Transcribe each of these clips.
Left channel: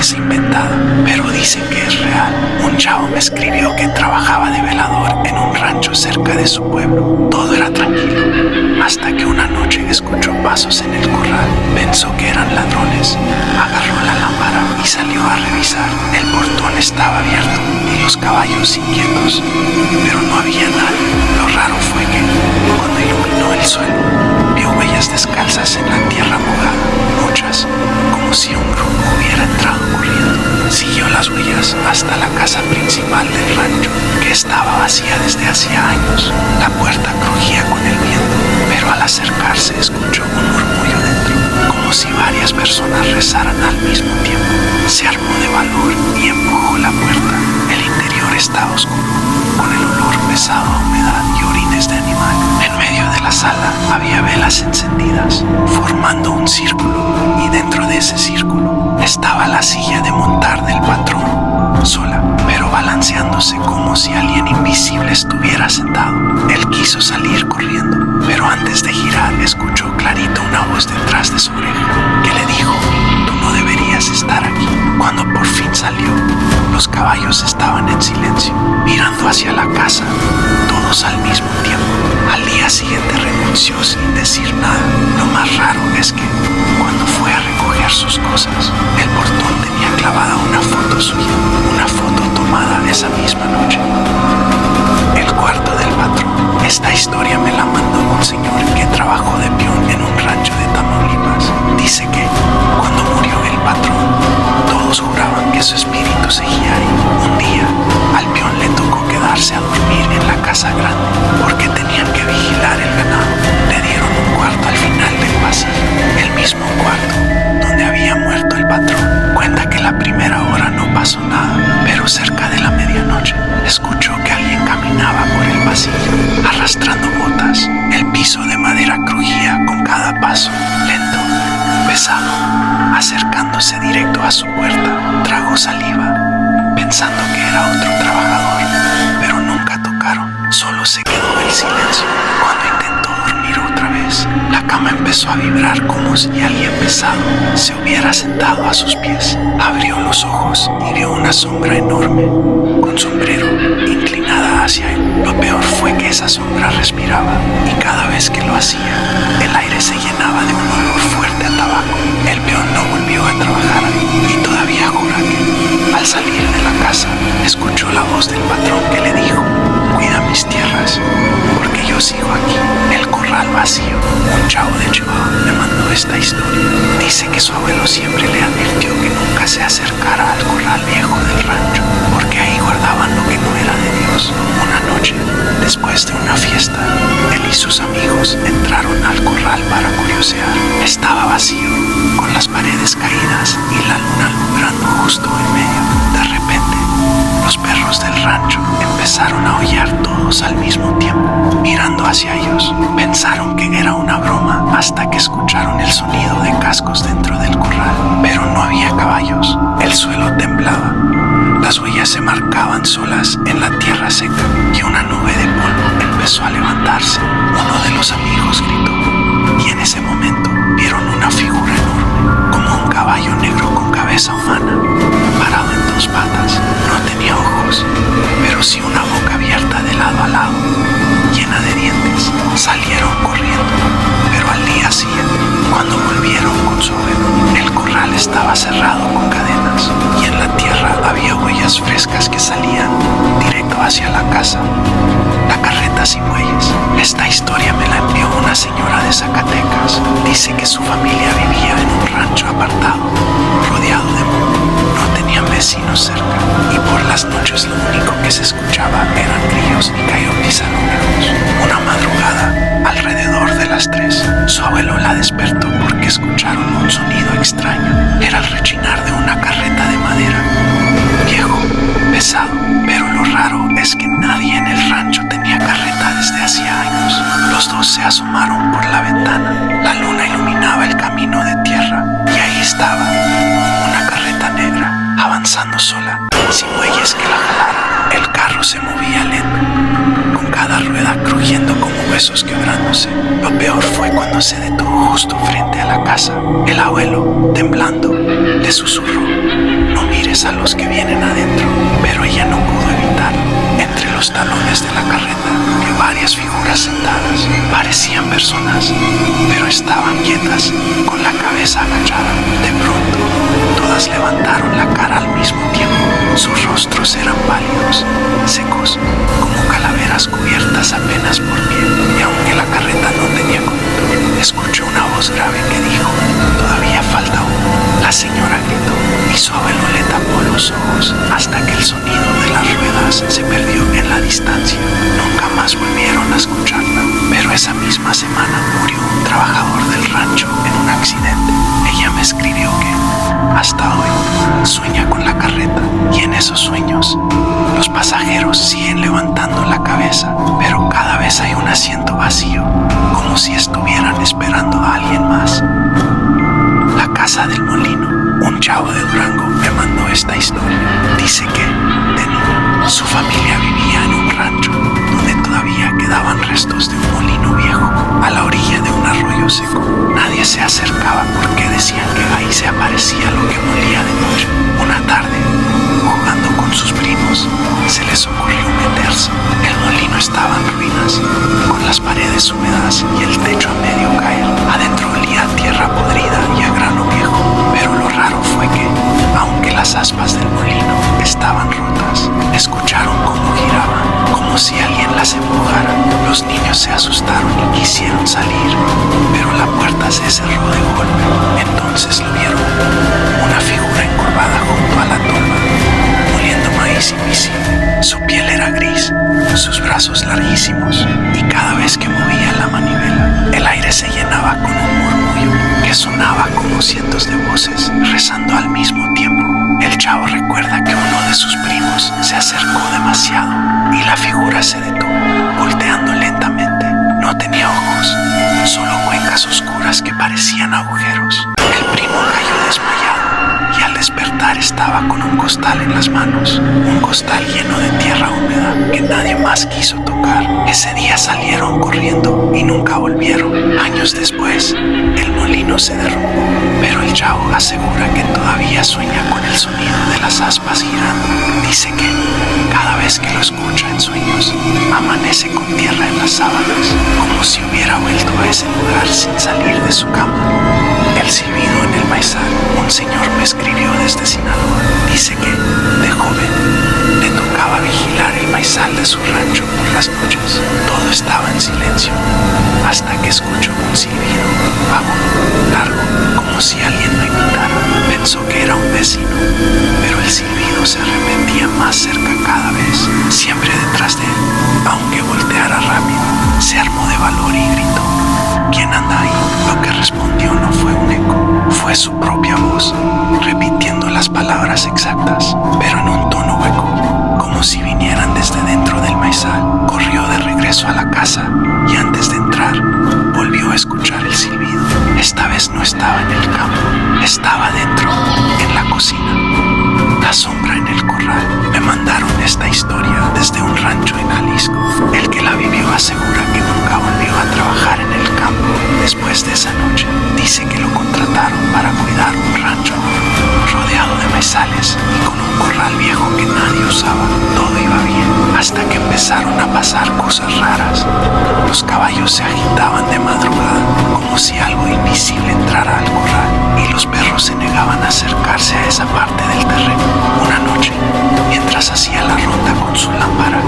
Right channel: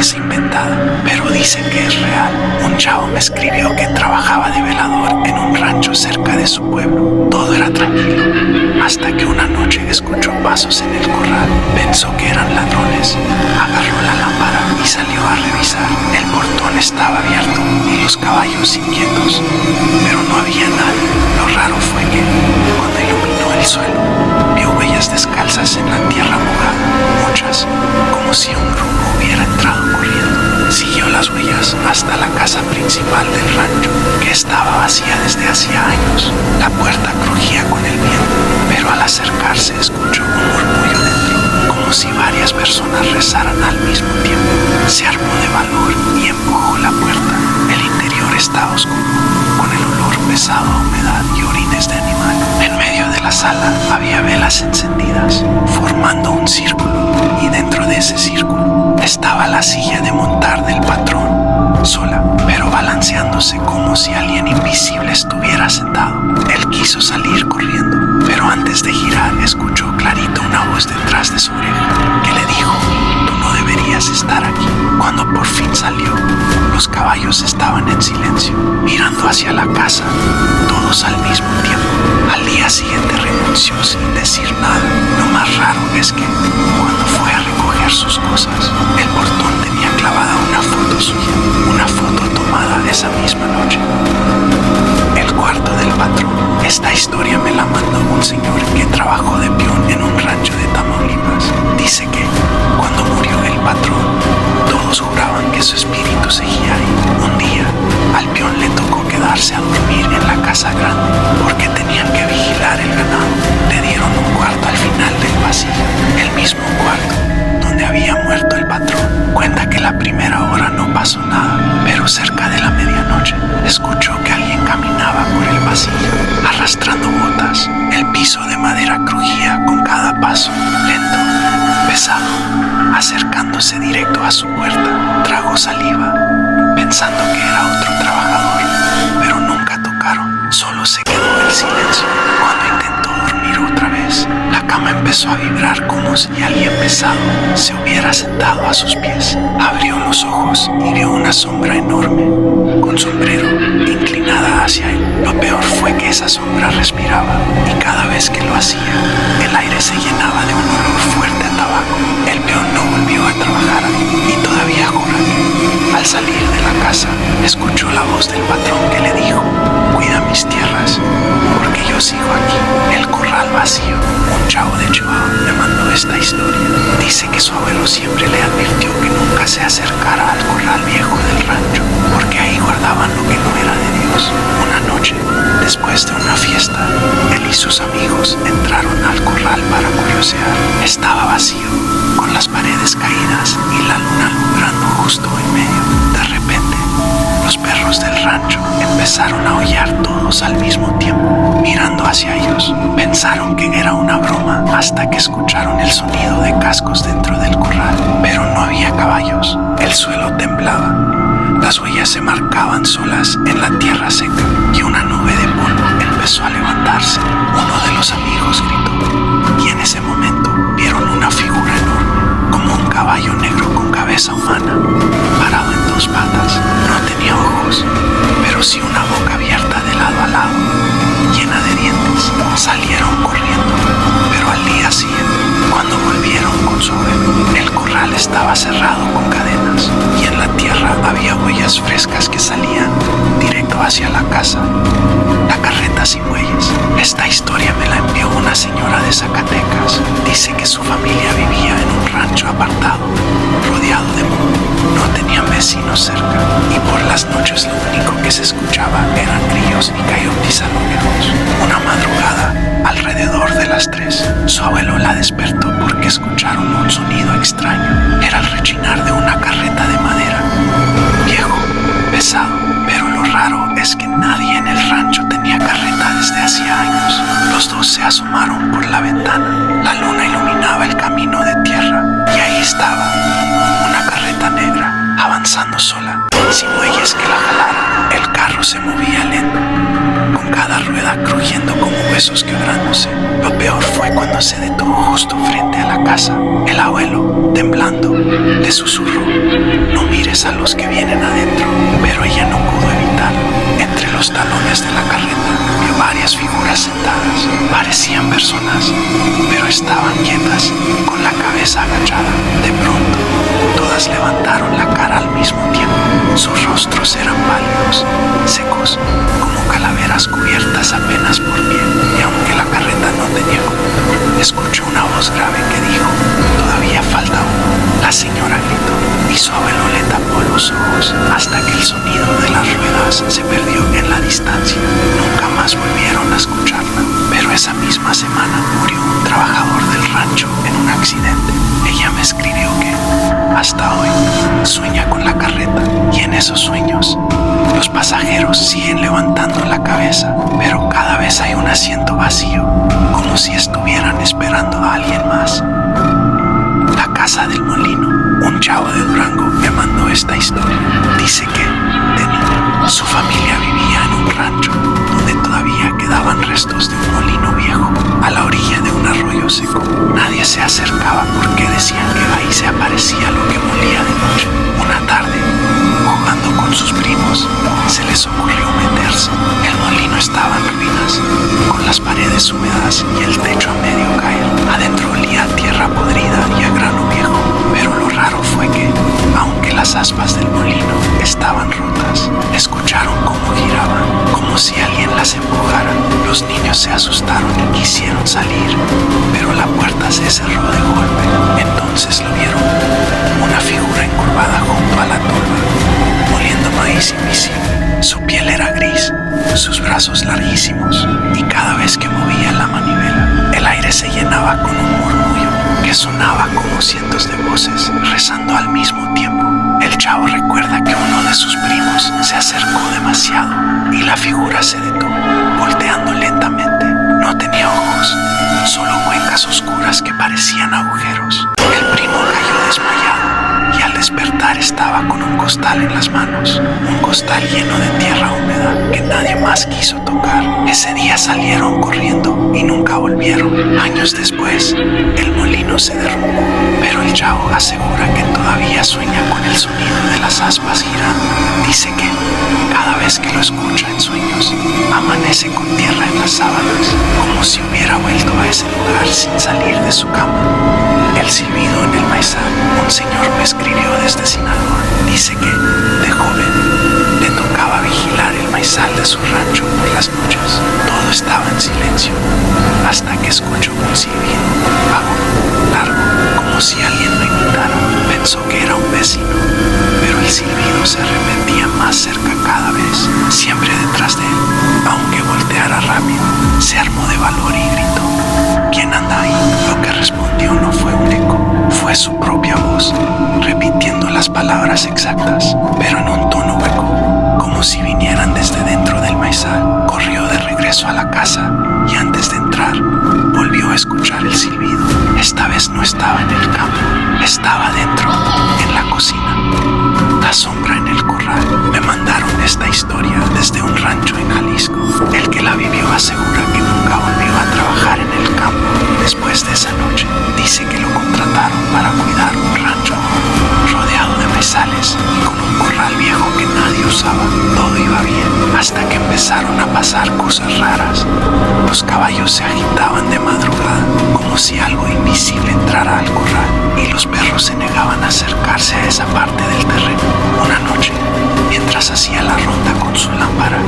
parece inventada, pero dicen que es real. Un chavo me escribió que trabajaba de velador en un rancho cerca de su pueblo. Todo era tranquilo, hasta que una noche escuchó pasos en el corral. Pensó que eran ladrones. Agarró la lámpara y salió a revisar. El portón estaba abierto y los caballos inquietos, pero no había nadie. Lo raro fue que, cuando iluminó el suelo, vio huellas descalzas en la tierra mojada, muchas, como si un grupo hubiera entrado corriendo. Siguió las huellas hasta la casa principal del rancho, que estaba vacía desde hacía años. La puerta crujía con el viento, pero al acercarse escuchó un murmullo dentro, como si varias personas rezaran al mismo tiempo. Se armó de valor y empujó la puerta. El interior estaba oscuro, con el olor pesado a humedad y orines de animal. En medio de la sala había velas encendidas, formando un círculo, y dentro de ese círculo estaba la silla de montar del patrón, sola, pero balanceándose como si alguien invisible estuviera sentado. Él quiso salir corriendo, pero antes de girar escuchó clarito una voz detrás de su oreja que le dijo: «Tú no deberías estar aquí». Cuando por fin salió, los caballos estaban en silencio, mirando hacia la casa, todos al mismo tiempo. Al día siguiente renunció sin decir nada. Lo más raro es que, cuando fue a recoger sus cosas, el portón tenía clavada una foto suya, una foto tomada esa misma noche. El cuarto del patrón. Esta historia me la mandó un señor que trabajó de peón en un rancho de Tamaulipas. Dice que, cuando murió el patrón, todos juraban que su espíritu seguía ahí. Un día, al peón le tocó quedarse a dormir en la casa grande, porque tenían que vigilar el ganado. Le dieron un cuarto al final del pasillo, el mismo cuarto donde había muerto el patrón. Cuenta que la primera hora no pasó nada, pero cerca de la medianoche escuchó que alguien caminaba por el pasillo, arrastrando botas. El piso de madera crujía con cada paso, lento, pesado, acercándose directo a su puerta. Tragó saliva, pensando que era otro trabajador, pero nunca tocaron. Solo se quedó el silencio. Cuando intentó dormir otra vez, la cama empezó a vibrar como si alguien pesado se hubiera sentado a sus pies. Abrió los ojos y vio una sombra enorme, con sombrero, inclinada hacia él. Lo peor fue que esa sombra respiraba, y cada vez que lo hacía, el aire se llenaba de un olor fuerte a tabaco. El peón no volvió a trabajar ahí, y todavía jura que, al salir de la casa, escuchó la voz del patrón que le dijo: «Cuida mis tierras, porque yo sigo aquí». El corral vacío. Un chavo de Chihuahua me mandó esta historia. Dice que su abuelo siempre le advirtió que nunca se acercara al corral viejo del rancho, porque ahí guardaban lo que no era de Dios. Una noche, después de una fiesta, él y sus amigos entraron al corral para curiosear. Estaba vacío, con las paredes caídas y la luna alumbrando justo en medio. De repente, los perros del rancho empezaron a aullar todos al mismo tiempo, mirando hacia ellos. Pensaron que era una broma hasta que escucharon el sonido de cascos dentro del corral, pero no había caballos. El suelo temblaba. Las huellas se marcaban solas en la tierra seca y una nube de polvo empezó a levantarse. Uno de los amigos gritó, y en ese momento vieron una figura enorme, como un caballo negro con cabeza humana, parado en dos patas. No tenía ojos, pero sí una boca abierta de lado a lado, llena de dientes. Salieron corriendo, pero al día siguiente, cuando volvieron con su abuelo, el corral estaba cerrado con cadenas, y en la tierra había huellas frescas que salían directo hacia la casa. La carreta sin bueyes. Esta historia me la envió una señora de Zacatecas. Dice que su familia vivía en un rancho apartado, rodeado de monte. No tenían vecinos cerca, y por las noches lo único que se escuchaba eran grillos y coyotes a lo lejos. Una madrugada, alrededor de las 3, su abuelo la despertó porque escucharon un sonido extraño. Era el rechinar de una carreta de madera, viejo, pesado, pero lo raro es que nadie en el rancho tenía carreta desde hacía años. Los dos se asomaron por la ventana. La luna iluminaba el camino de tierra, y ahí estaba, una carreta negra, avanzando sola, sin bueyes que la jalaran. El carro se movía lento, con cada rueda crujiendo como huesos quebrándose. Lo peor fue cuando se detuvo justo frente a la casa. El abuelo, temblando, le susurró: «No no mires a los que vienen adentro. Pero ella no pudo evitarlo. Entre los talones de la carreta vio varias figuras sentadas. Parecían personas, pero estaban quietas, con la cabeza agachada. De pronto, todas levantaron la cara al mismo tiempo. Sus rostros eran pálidos, secos, como calaveras cubiertas apenas por piel. Y aunque la carreta no tenía conductor, escuchó una voz grave que dijo: «Todavía falta uno». La señora gritó y su abuelo le tapó los ojos hasta que el sonido de las ruedas se perdió en la distancia. Nunca más volvieron a escucharla. Pero esa misma semana murió un trabajador del rancho en un accidente. Ella me escribió que hasta hoy sueña con la carreta, y en esos sueños los pasajeros siguen levantando la cabeza, pero cada vez hay un asiento vacío, como si estuvieran esperando a alguien más. La Casa del Molino. Un chavo de Durango me mandó esta historia. Dice que, de niño, su familia vivía en un rancho donde todavía quedaban restos de un molino viejo a la orilla de un arroyo seco. Nadie se acercaba porque decían que ahí se aparecía lo que molía de noche. Una tarde, jugando con sus primos, se les ocurrió meterse. El molino estaba en ruinas, con las paredes húmedas y el techo a medio caer. Adentro olía a tierra podrida y a grano viejo. Pero lo raro fue que, aunque las aspas del molino estaban rotas, escucharon cómo giraban, como si alguien las empujara. Los niños se asustaron y quisieron salir, pero la puerta se cerró de golpe. Entonces lo vieron, una figura encurvada junto a la tolva, moliendo maíz invisible. Su piel era gris, sus brazos larguísimos, y cada vez que movía la manivela, el aire se llenaba con un murmullo que sonaba como cientos de voces rezando al mismo tiempo. El chavo recuerda que uno de sus primos se acercó demasiado y la figura se detuvo, volteando lentamente. No tenía ojos, solo cuencas oscuras que parecían agujeros. El primo cayó desmayado y al despertar estaba con un costal en las manos, un costal lleno de tierra húmeda que nadie más quiso tocar. Ese día salieron corriendo y nunca volvieron. Años después, el molino se derrumbó, pero el chavo asegura que todavía sueña con el sonido de las aspas girando. Dice que cada vez que lo escucha en sueños, amanece con tierra en las sábanas, como si hubiera vuelto a ese lugar sin salir de su cama. El silbido en el maizal. Un señor me escribió desde Sinaloa. Dice que, de joven, le tocaba vigilar el maizal de su rancho por las noches. Todo estaba en silencio, hasta que escuchó un silbido agudo, largo, como si alguien lo imitara. Pensó que era un vecino, pero el silbido se repetía más cerca cada vez, siempre detrás de él. Aunque volteara rápido, se armó de valor y gritó: ¿quién anda ahí? Lo que respondió no fue un eco, fue su propia voz, repitiendo las palabras exactas, pero en un tono hueco, como si vinieran desde dentro del maizal. Corrió de regreso a la casa y antes de entrar, volvió a escuchar el silbido. Esta vez no estaba en el campo, estaba dentro, en la cocina. La sombra en el corral. Me mandaron esta historia desde un rancho en Jalisco. El que la vivió asegura que nunca volvió a trabajar en el campo después de esa noche. Dice que lo contrataron para cuidar un rancho enorme, rodeado de maizales y con un corral viejo que nadie usaba. Todo iba bien, hasta que empezaron a pasar cosas raras. Los caballos se agitaban de madrugada, como si algo invisible entrara al corral, y los perros se negaban a acercarse a esa parte del terreno. Una noche, mientras hacía la ronda con su lámpara,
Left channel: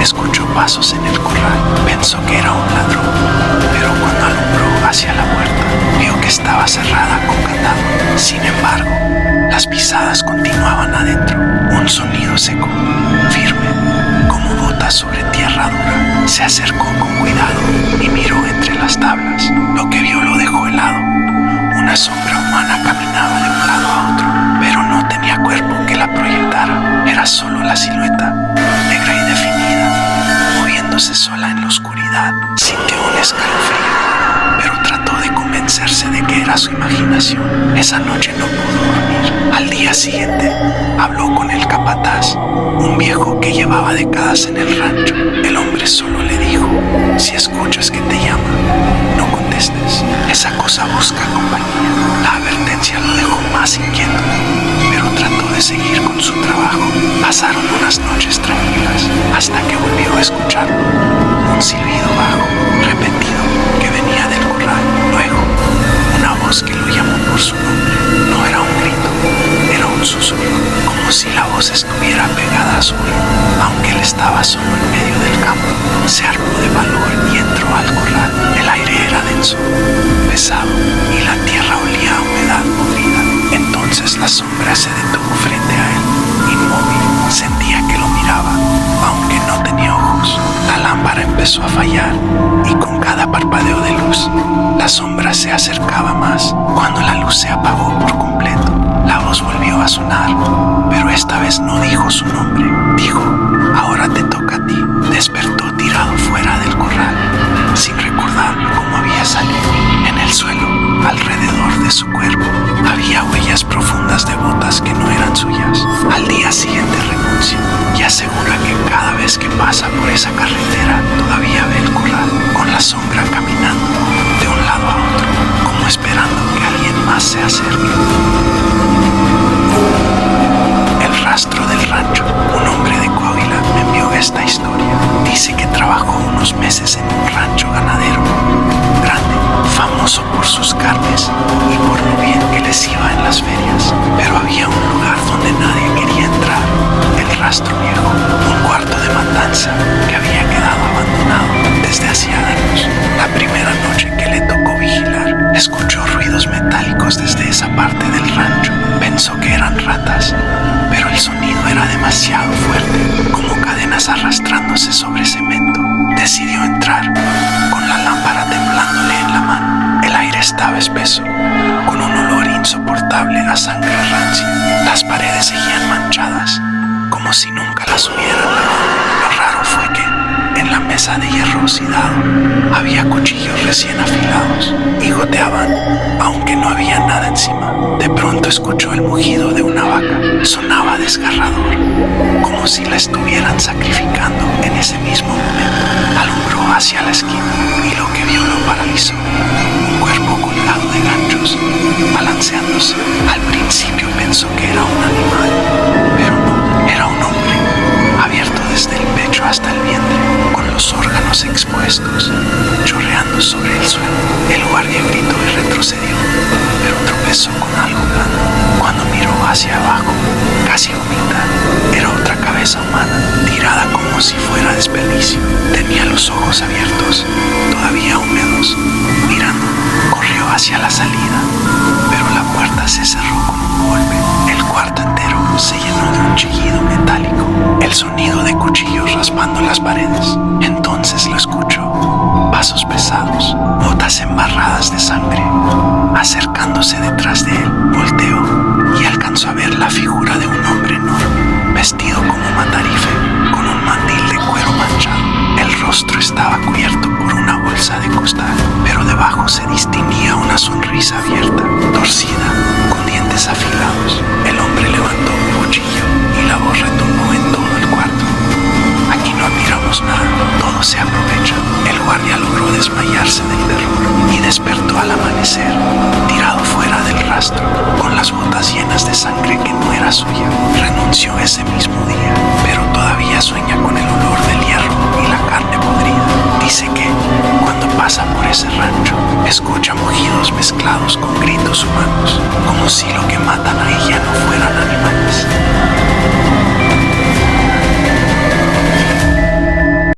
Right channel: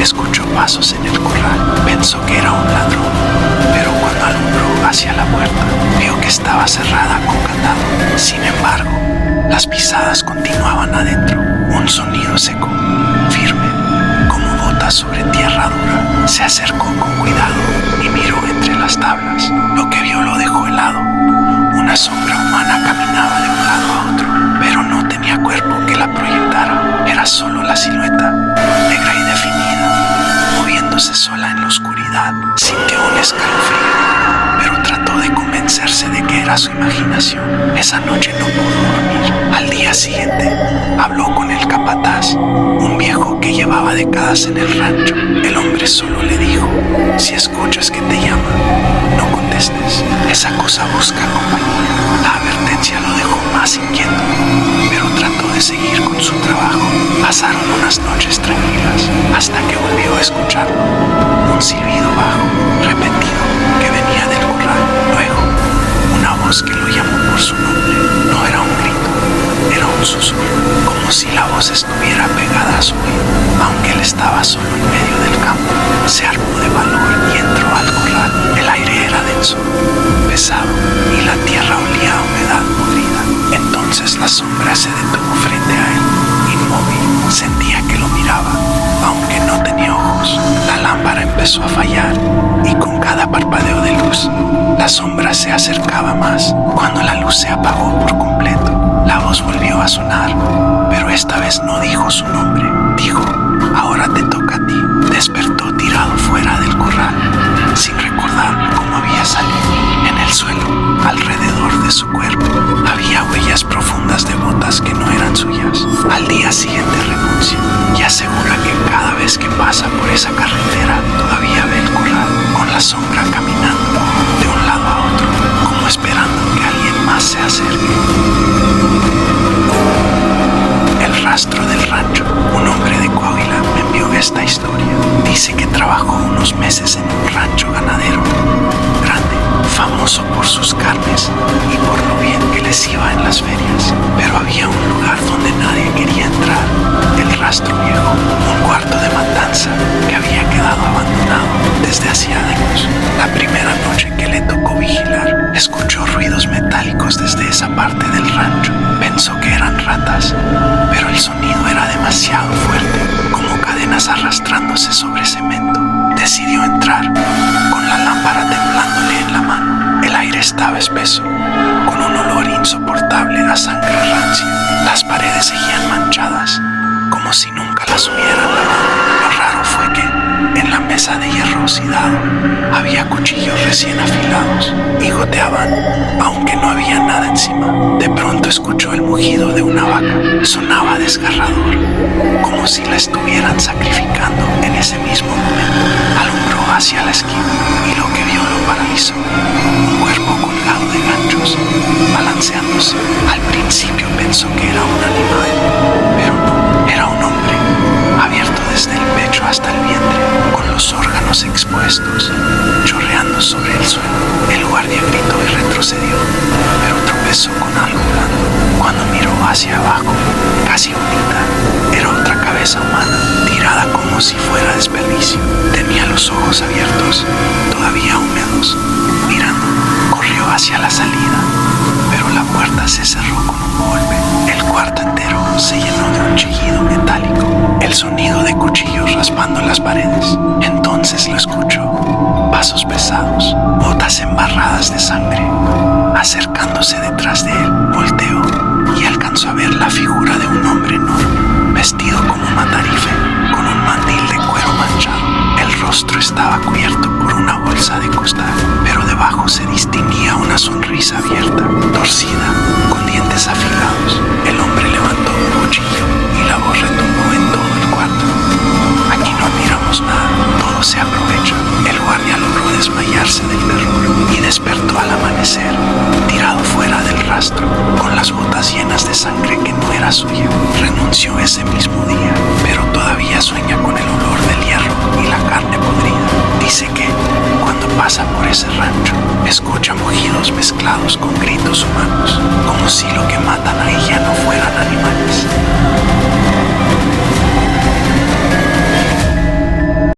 escuchó pasos en el corral. Pensó que era un ladrón, pero cuando alumbró hacia la puerta, vio que estaba cerrada con candado. Sin embargo, las pisadas continuaban adentro. Un sonido seco, firme, como botas sobre tierra dura. Se acercó con cuidado y miró entre las tablas. Lo que vio lo dejó helado. Una sombra humana caminaba de un lado a otro, pero no tenía cuerpo que la proyectara. Era solo la silueta, negra y definida, moviéndose sola en la oscuridad. Sintió un escalofrío, pero trató de convencerse de que era su imaginación. Esa noche no pudo dormir. Al día siguiente, habló con el capataz, un viejo que llevaba décadas en el rancho. El hombre solo le dijo: si escuchas que te llama, no contestes. Esa cosa busca compañía. La advertencia lo dejó más inquieto, pero trató de de seguir con su trabajo. Pasaron unas noches tranquilas hasta que volvió a escucharlo. Un silbido bajo, repetido, que venía del corral. Luego, una voz que lo llamó por su nombre. No era un grito, era un susurro, como si la voz estuviera pegada a su oído. Aunque él estaba solo en medio del campo, se armó de valor y entró al corral. El aire era denso, pesado, y la tierra olía a humedad podrida. Entonces la sombra se detuvo frente a él, inmóvil. Sentía que lo miraba, aunque no tenía ojos. La lámpara empezó a fallar, y con cada parpadeo de luz, la sombra se acercaba más. Cuando la luz se apagó por completo, la voz volvió a sonar, pero esta vez no dijo su nombre. Dijo: ahora te toca a ti. Despertó tirado fuera del corral, sin recordar cómo había salido. En el suelo, alrededor de su cuerpo, había huellas profundas de botas que no eran suyas. Al día siguiente renuncia y asegura que cada vez que pasa por esa carretera todavía ve el corral, con la sombra caminando de un lado a otro, como esperando que alguien más se acerque. El rastro del rancho. Un hombre de Coahuila me envió esta historia. Dice que trabajó unos meses en un rancho ganadero grande, famoso por sus carnes y por lo bien que les iba en las ferias. Pero había un lugar donde nadie quería entrar: el rastro viejo, un cuarto de matanza que había quedado abandonado desde hacía años. La primera noche que le tocó vigilar, escuchó ruidos metálicos desde esa parte del rancho. Pensó que eran ratas, pero el sonido era demasiado fuerte, como cadenas arrastrándose sobre cemento. Decidió entrar, con la lámpara temblándole en la mano. El aire estaba espeso, con un olor insoportable a sangre rancia. Las paredes seguían manchadas, como si nunca las hubieran lavado. Lo raro fue que, en la mesa de hierro oxidado, había cuchillos recién afilados y goteaban, aunque no había nada encima. De pronto escuchó el mugido de una vaca. Sonaba desgarrador, como si la estuvieran sacrificando en ese mismo momento. Alumbró hacia la esquina y lo que vio lo paralizó. Un cuerpo colgado de ganchos, balanceándose. Al principio pensó que era un animal, pero no, era un hombre, abierto desde el pecho hasta el vientre, con los órganos expuestos, chorreando sobre el suelo. El guardia gritó y retrocedió, pero tropezó con algo blando. Cuando miró hacia abajo, casi vomita. Era otra cabeza humana, tirada como si fuera desperdicio. Tenía los ojos abiertos, todavía húmedos. Mirando, corrió hacia la salida, pero la puerta se cerró con un golpe. El cuarto entero se llenó de un chillido metálico, el sonido de cuchillos raspando las paredes. Entonces lo escuchó: pasos pesados, botas embarradas de sangre, acercándose detrás de él. Volteó y alcanzó a ver la figura de un hombre enorme, vestido como matarife, con un mandil de cuero manchado. El rostro estaba cubierto por una bolsa de costal, pero debajo se distinguía una sonrisa abierta, torcida, con dientes afilados. El hombre levantó un cuchillo y la voz retumbó en todo el cuarto: aquí no admiramos nada, todo se aprovecha. El guardia logró desmayarse del terror y despertó al amanecer, tirado fuera del rastro, con las botas llenas de sangre que no era suya. Renunció ese mismo día, pero todavía sueña con el olor del hierro y la carne podrida. Dice que, cuando pasa por ese rancho, escucha mugidos mezclados con gritos humanos, como